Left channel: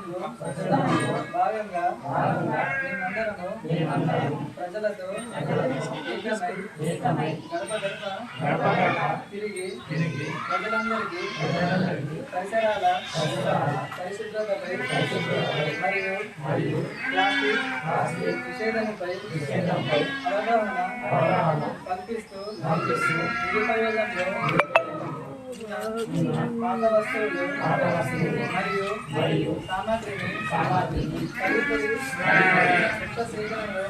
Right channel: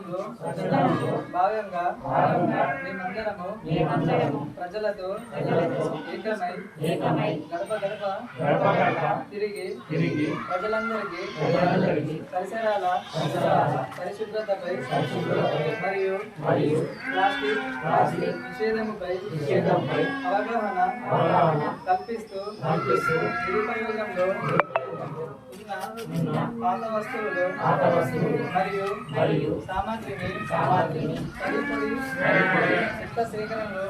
ప్రయత్నంలో భాగంగా మేమందరము ప్రజలతో ఏకమై గడప గడప తిరిగి ప్రజలందరికీ పరిసరాల పరిశుభ్రతపై మరియు ప్లాస్టిక్ నిషేధముపై అవగాహన కల్పిస్తూ నిరుపయోగంలో ఉన్న పాత వస్తువులు మరియు సామాగ్రిని తదుపరి చెత్త సేకరణలో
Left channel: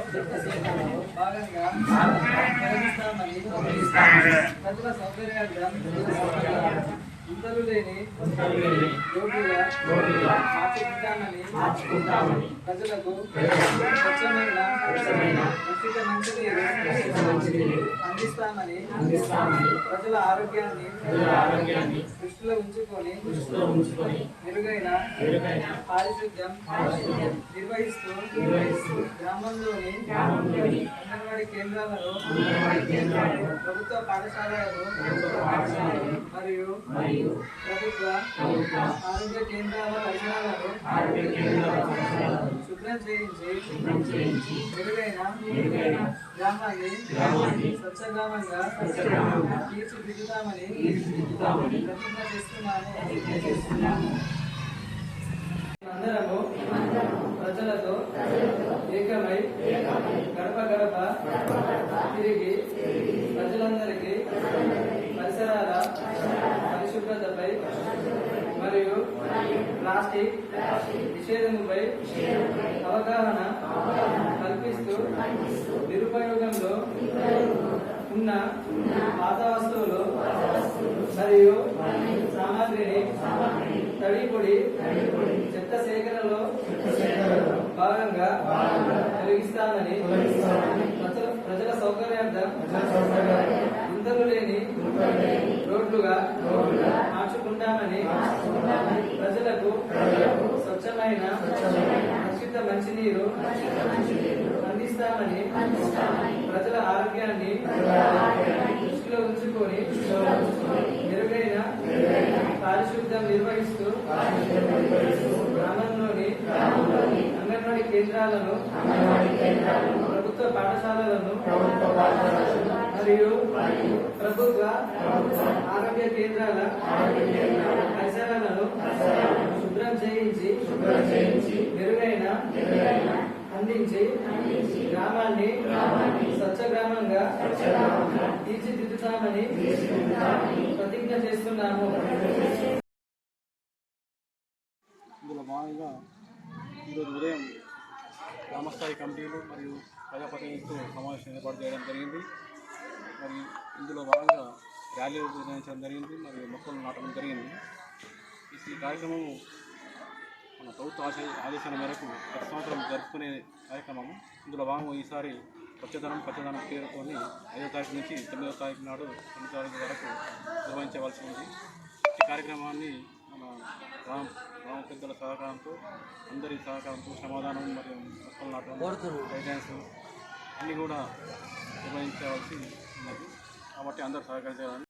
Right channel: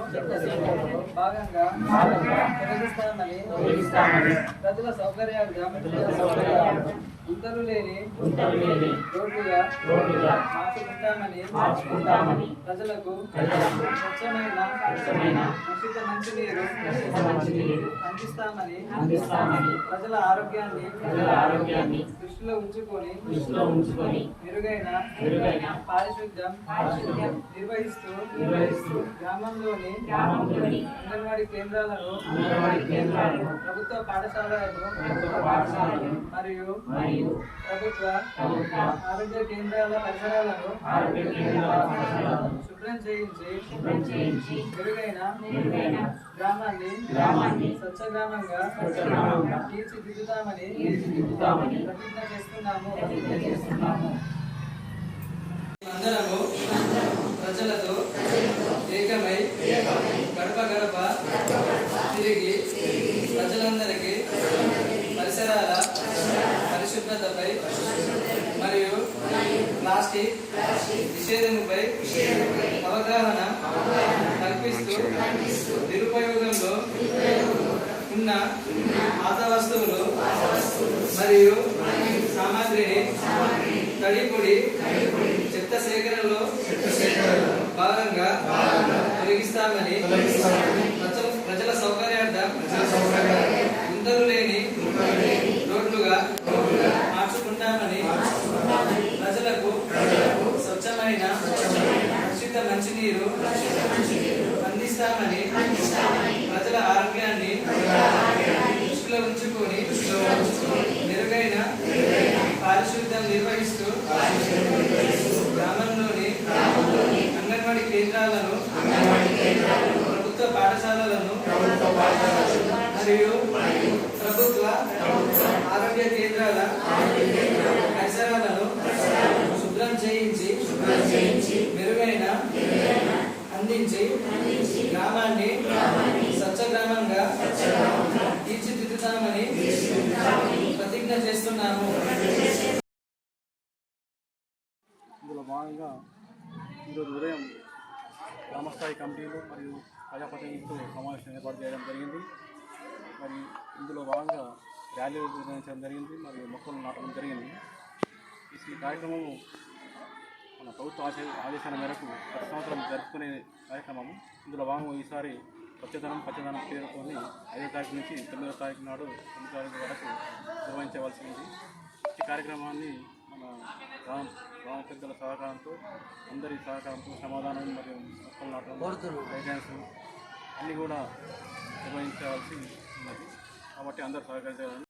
భాగంగా తొలగిస్తామని ప్రజల సౌకర్యార్థం గుంతలు లేని రోడ్లుగా మార్చుకుంటామని ప్రజలకు స్వచ్ఛమైన ఉచిత మంచినీరు అందిస్తామని ప్రజల ఆరోగ్యాన్ని దృష్టిలో ఉంచుకొని మెరుగైన పారిశుద్ధ్యం నిర్వహిస్తూ గ్రామంలోని అంగన్వాడీ కేంద్రాలలో ప్రభుత్వ పాఠశాలలలో మరియు ప్రభుత్వ ఆరోగ్య కేంద్రాల పరిసరాలను శుభ్రం చేయించి మెరుగైన గ్రామాన్ని స్వచ్ఛ గ్రామంగా తీర్చిదిద్దుతామని ప్రతిజ్ఞ చేస్తున్నాము. అందరము ప్రజలతో ఏకమై గడప గడప తిరిగి ప్రజలందరికీ పరిసరాల పరిశుభ్రతపై మరియు ప్లాస్టిక్ నిషేధముపై అవగాహన కల్పిస్తూ నిరుపయోగంలో ఉన్న పాత వస్తువులు మరియు సామాగ్రిని తడిపొడి చెత్త సేకరణలో భాగంగా తొలగిస్తామని ప్రజల ప్రజల సౌకర్యార్థం గుంతలు లేని రోడ్లుగా మార్చుకుంటామని ప్రజలకు స్వచ్ఛమైన ఉచిత మంచినీరు అందిస్తామని ప్రజల ఆరోగ్యాన్ని దృష్టిలో ఉంచుకొని మెరుగైన పారిశుద్ధ్యం నిర్వహిస్తూ గ్రామంలోని అంగన్వాడీ కేంద్రాలను ప్రభుత్వ పాఠశాలలను మరియు ప్రభుత్వ ఆరోగ్య కేంద్రాల పరిసరాలను శుభ్రం చేయించి మెరుగైన అందించి గ్రామాన్ని స్వచ్ఛ గ్రామంగా తీర్చిదిద్దుతామని ప్రతిజ్ఞ చేస్తున్నాను ఇందులో భాగంగా ఈరోజు ఉదయం గ్రామస్థాయి కమిటీలు మరియు ప్రజాప్రతినిధులతో సమావేశం ఏర్పాటు చేయడం జరిగింది. మరి ఇందులో భాగంగా ర్యాలీలు నిర్వహించడం జరిగింది. మరియు మొక్కలు నాటడం జరిగింది. ఈ కార్యక్రమం మన ప్రభుత్వ ఆశ ఆదేశాల మేరకు ప్రతి సంవత్సరం జరుపుకునే కార్యక్రమము. ఇందులో భాగంగా ఈసారి పచ్చదనం పచ్చదనం పేరుతోని ఐదో తారీఖు నుంచి తొమ్మిదో తారీఖు నాడు తొమ్మిదో తారీఖు వరకు నిర్వహించవలసి ఉంది. ఈ కార్యక్రమాన్ని మన గ్రామ గ్రామ పెద్దల సహకారంతో అందరి సహకారంతో సమాధానం మరియు మొక్కలు నాటడం గైడెన్స్ అన్నీ కూడా నిర్వహించవలసి ఉన్నది. కాబట్టి అందరూ సహకరించాలని